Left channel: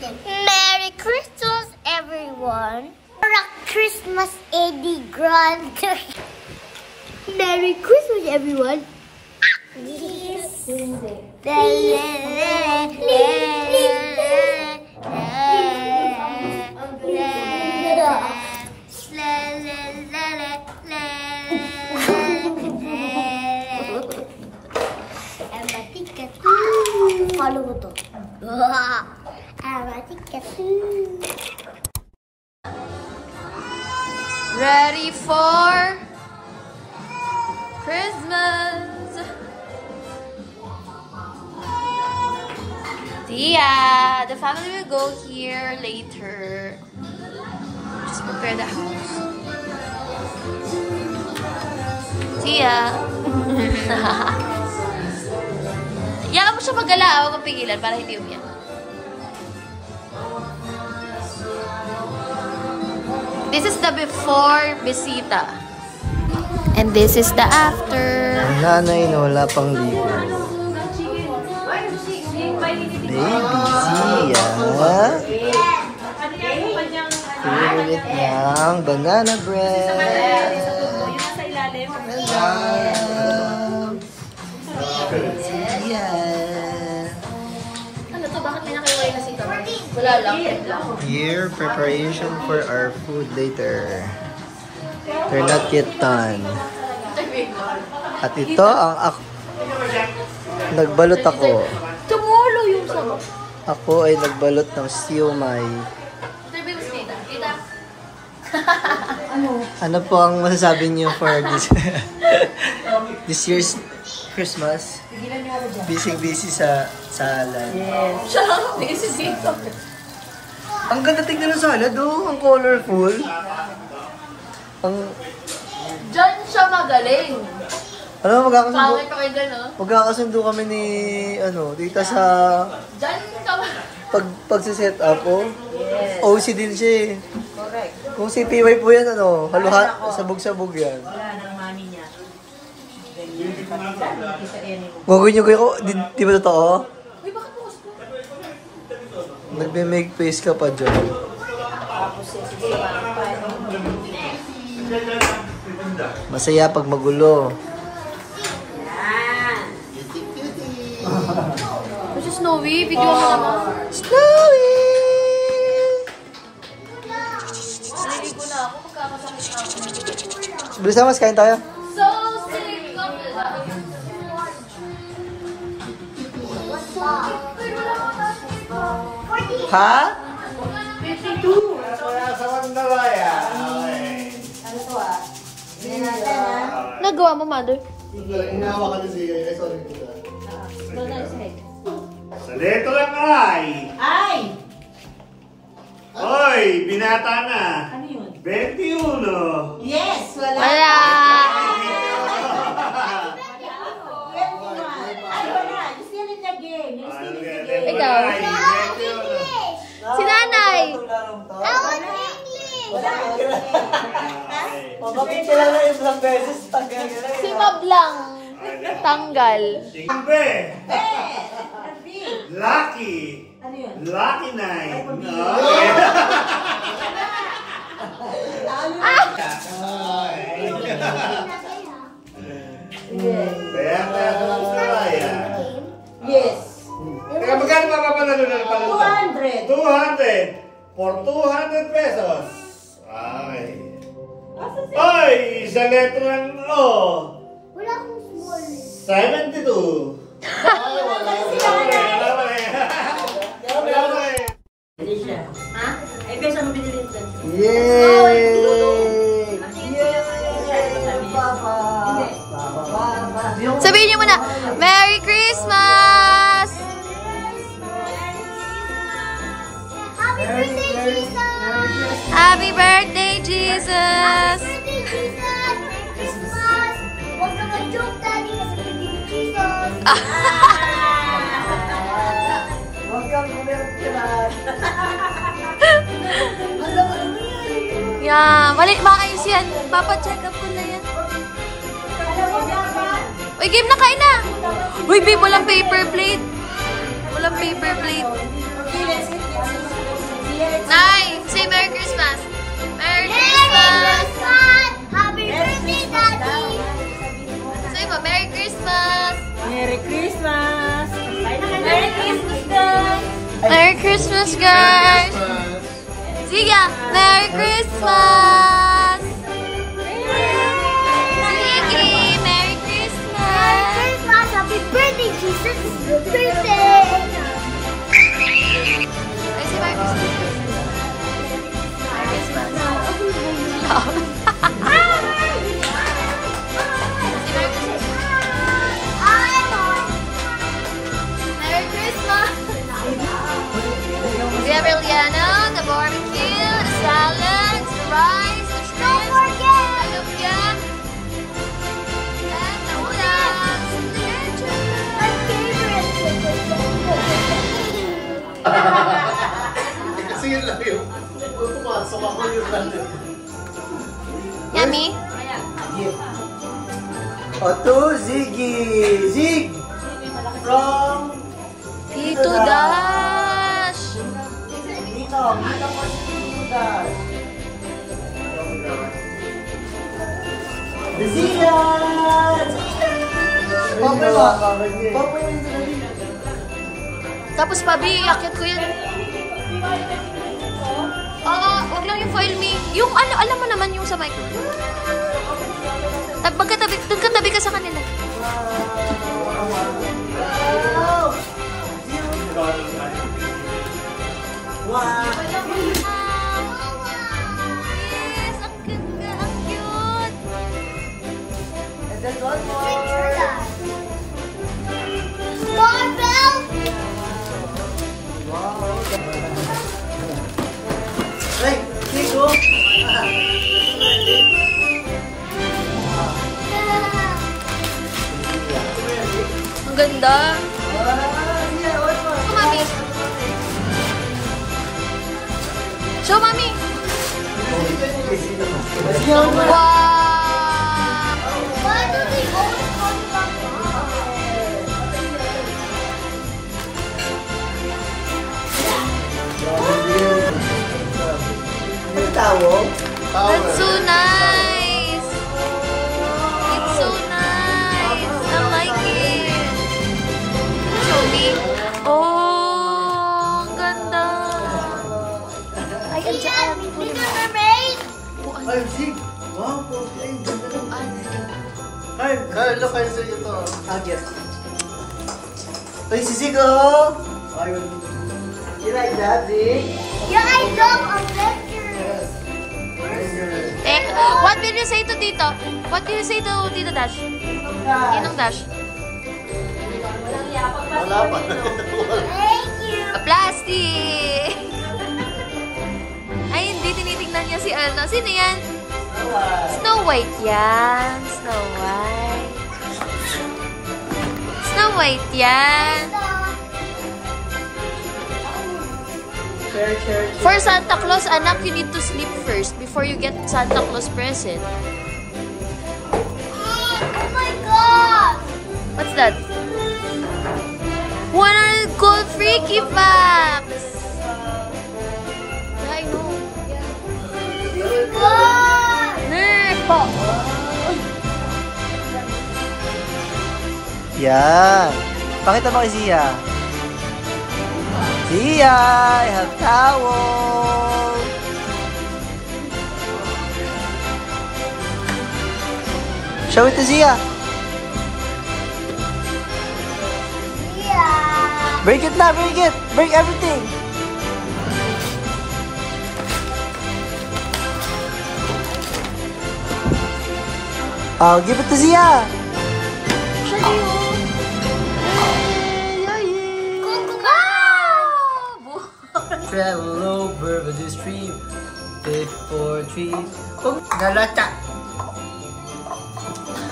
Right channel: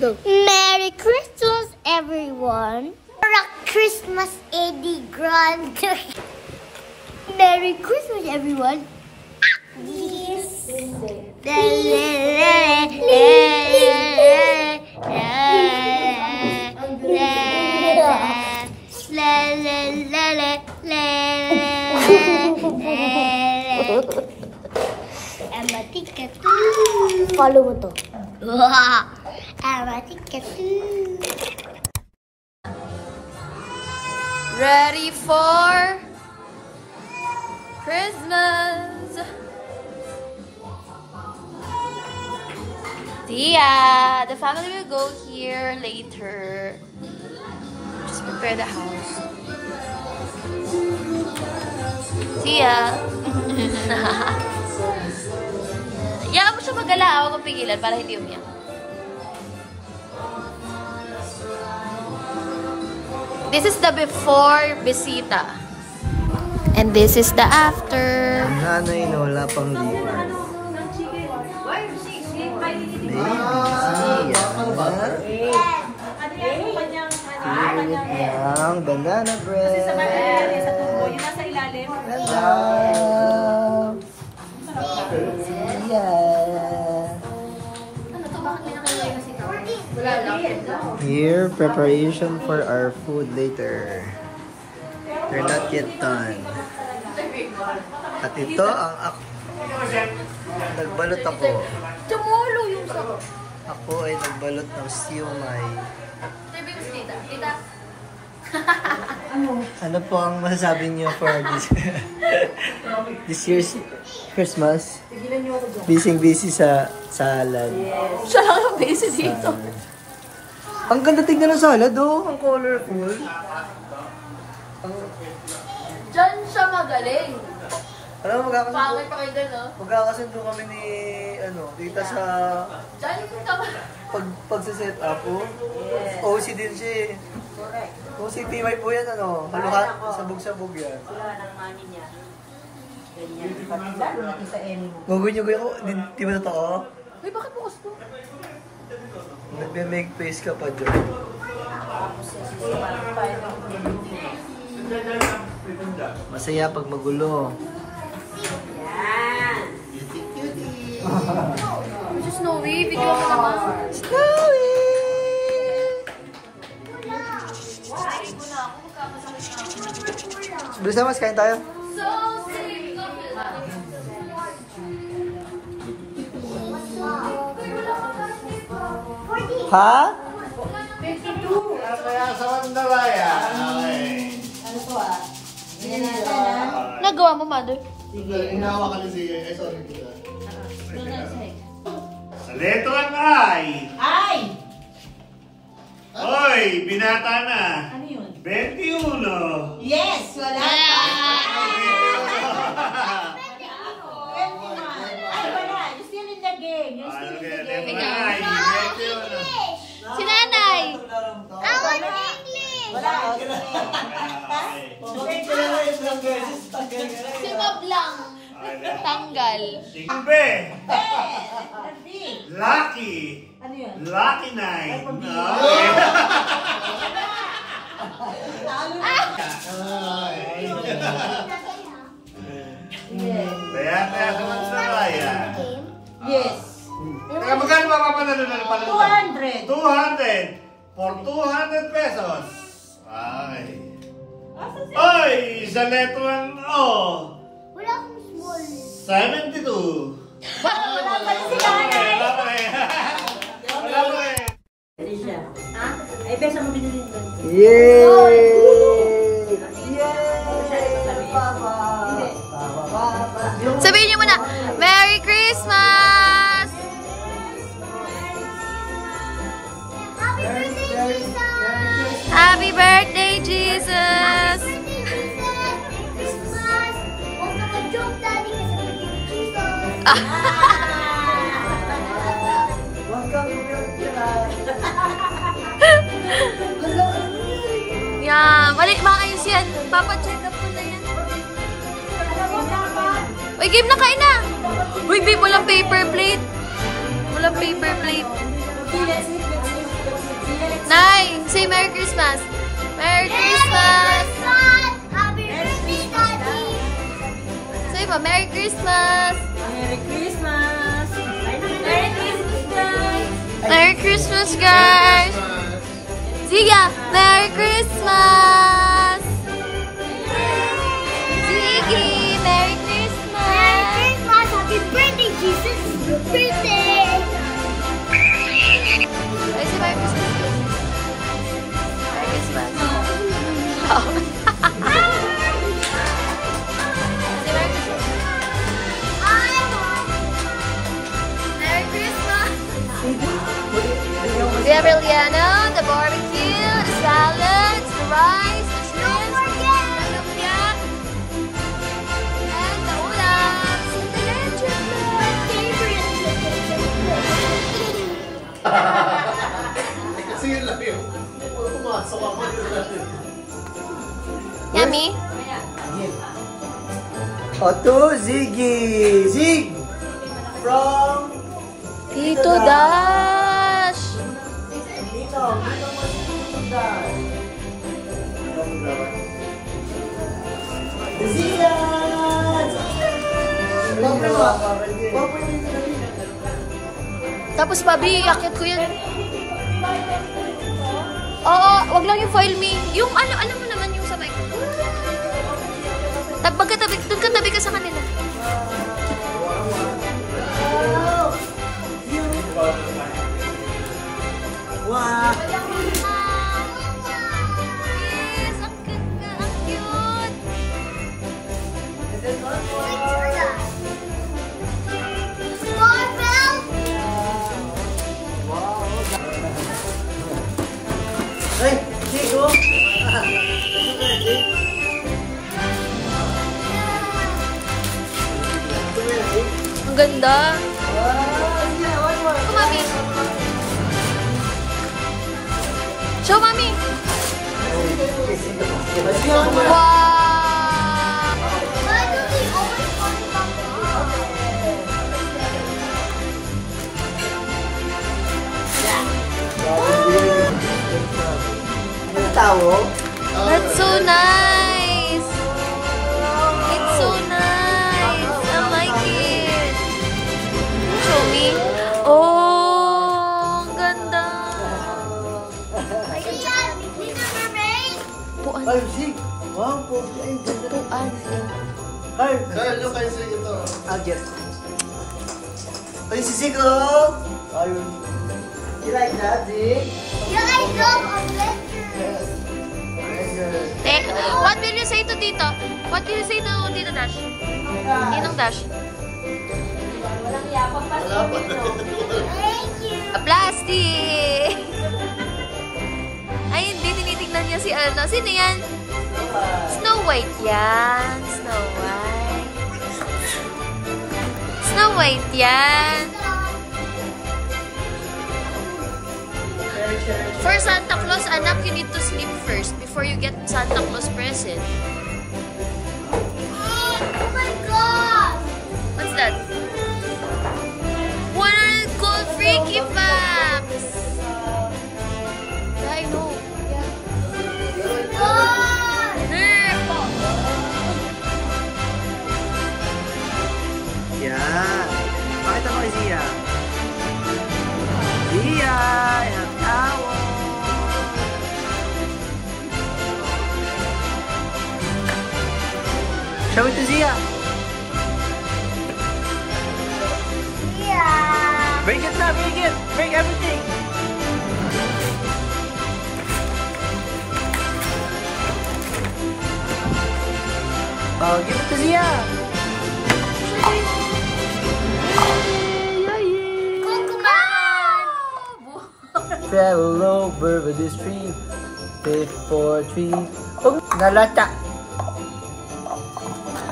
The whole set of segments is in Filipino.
Go. Merry Christmas, everyone. Merry Christmas, Eddie Grant. Merry Christmas, everyone. Yes. Follow mo to. Ready for Christmas. Tia, the family will go here later. Just prepare the house. Tia. Yan mo siya magala, huwag kang pigilan para hindi umiyak. This is the before bisita. And this is the after. Ang nanay na wala pang ligo. Baby Zia. Pinulit niyang banana bread. Zia. Ano to? Bakit may nakaiway na sito? Wala lang. Here, preparation for our food later. We're not yet done. At ito ang nagbalot ako. Tumulo yung sabaw. Ako ay nagbalot ng siomai. Ano po ang masasabi niyo for this year's Christmas? Busy sa salad. Yes. Siya lang ang busy dito. Ang ganda tignan ng salad, oh. Ang colorful. Diyan siya magaling. Alam mo, Pangit ko kayo dun, oh. magkakasundo kami ni, tita sa Diyan ka pagsiset up, oh. Yes. OC din siya, eh. Correct. Kung si PY po yan, haluhan, sabog-sabog yan. Wala ng mami niya. Gagawin niyo ko, di ba totoo? Uy, bakit bukas ko? Nagbe-make face ka pa dyan. Masaya pag magulo. Si Snowy, video mo. Snowy! Bilisan mas, kain tayo. So sick of it. Ha? 52! Sa Mandalaya. Ano to ah? Hindi natin ah. Nagawa mo, mother? Sige, inawa ka na siya. Sorry po ka. Sa leto lang ay. Ay! Hoy, binata na. Ano yun? 21. Yes! Wala! Wala! Ay, wala! You still in the game. You're Ano still in kaya, the leto game. Ikaw? lang ay. 21. Si nanay! I want English. Bakit kilala yung isang beses? Si Mab lang. Tanggal. Tingbe. Lucky. Ano yun? Lucky night. Kaya sa Mandalaya. Yes. Teka, magkano mapapanalo na ng panalo? 200. 200. For 200 pesos. Ay. Ay, isa leto lang, Wala akong small. 72. Ha? Ay, beso mo binili nito. Yay! Sabihin niyo muna, Merry Christmas! Happy birthday, Jesus! Happy birthday, Jesus! Happy birthday, Jesus! Christmas! Huwag na mag-joke, Daddy, kasi hindi Jesus. Yan, maayos yan. Papa-check up ko na yan. Uy, game na, kain na! Uy, babe, walang paper plate. Walang paper plate. Nay, say Merry Christmas. Merry Christmas. Happy birthday, Daddy! Say po, Merry Christmas. Merry Christmas! Merry Christmas, guys! Merry Christmas, guys. See ya. Merry Christmas. Ziggy, Merry Christmas. Christmas! Happy birthday, Jesus! Your birthday! Ay, say Merry Christmas. Merry Christmas. Say Merry Christmas. Merry Christmas. We have Eliana, the barbecue, the salads, the rice, the shrimp, the lumpia, and the ulam. The Kasi yun lang yun. Pumasok ako yun lang. Yummy. Oto, Ziggy! Zig! From... Tito Dash. Dito po si Tito Dash. Zia! Popoy mo! Popoy mo yung sinabi. Tapos pabi, akit ko yun. Oo, wag lang yung foil me. Yung ano, alam mo naman yung sa mic. Magkatabi ka sa kanila. Wow! Yes, ang ganda, ang cute. Ay, Chico! Ang ganda. Oh, mami. Show, mami. Wow! Why do they always call me Mama? Ang tawo? That's so nice. It's so nice. I like it. Show me. Oh, ang ganda. Ay, ang dyan. Puan. Ay, Zig! Wow, po. Ay, ganda rin. Puan. Ay, Carlo, cancel yun to. I'll get. Ay, si Zig, oh! Ayun. You like that, Zig? Yeah, I love our lectures. What did you say to Tito? What did you say to Tito Dash? Ninong Dash? Wala pa. Thank you. A plastic! Ay, hindi. Tinitignan niya si ano. Sino yan? Snow White yan. Snow White. Snow White yan. For Santa Claus, anak, you need to sleep first before you get Santa Claus present. Oh my God. What's that? 100 gold freaky facts! I know. Yeah. Nerpo! Yan. Pakita mo kay Zia. Zia, I have towel. Show it to Zia. Yeah. Bring it na, bring it. Bring everything. Oh, give it to Zia. Travel over the stream before trees. Nalata.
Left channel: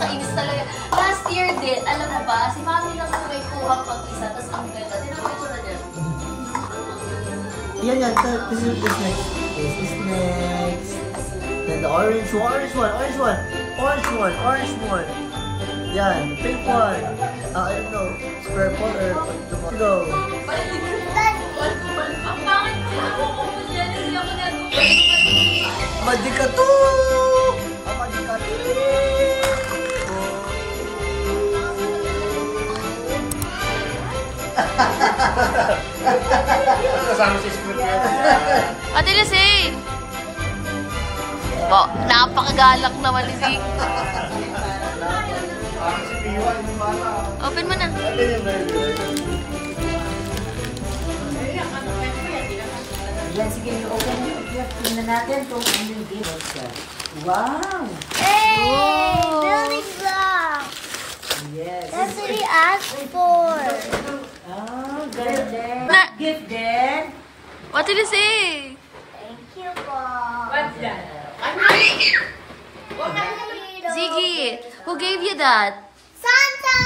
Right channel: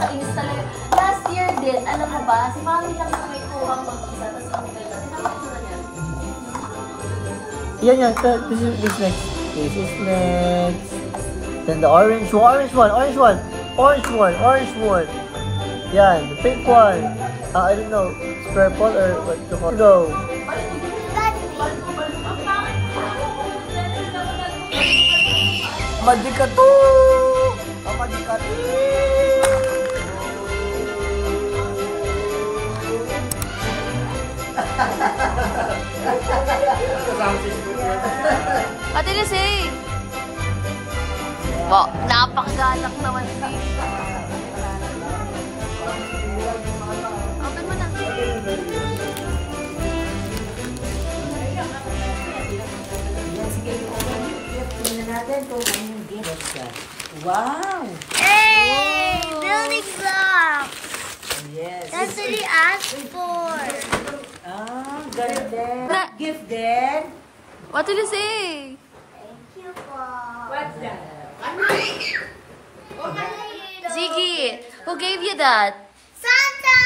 Kainis talaga. Last year din, alam mo ba, si Mami lang na may kuha pag-isa, tapos ang ganda. Tinapakita na niya. Yan, yan. This is next. This is next. Then the orange one. Yan, the pink one. I don't know. Purple or what? Go. Madikato! Kasama si Squid. Ate Lisay! Wow, napakagalak naman ni Zeke. Open mo na. Yan, sige, open. Tingnan natin kung ano yung gift. Wow! Hey! Building block! Yes. That's what he asked for. Ah, ganda. Na- Gift din. Ate Lisay! Thank you po. What's that? Ziggy, who gave you that? Santa!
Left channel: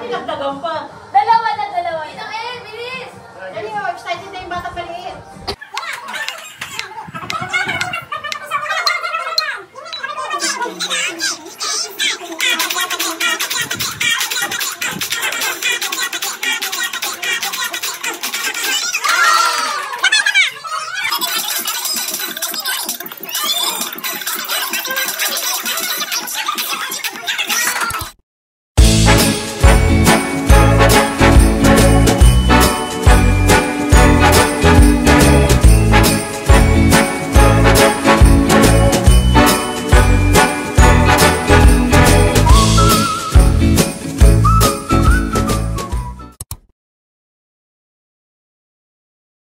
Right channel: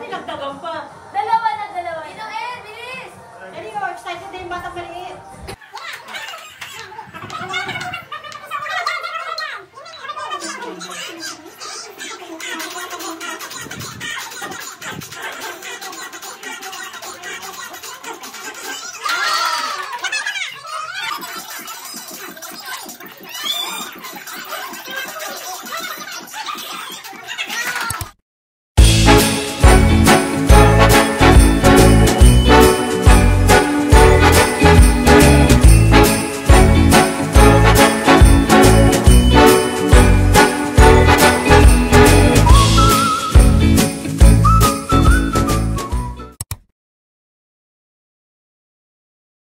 Pinagdagan pa. Dalawa na, dalawa. Ito, bilis! Ano yung excited na yung bata pa rin?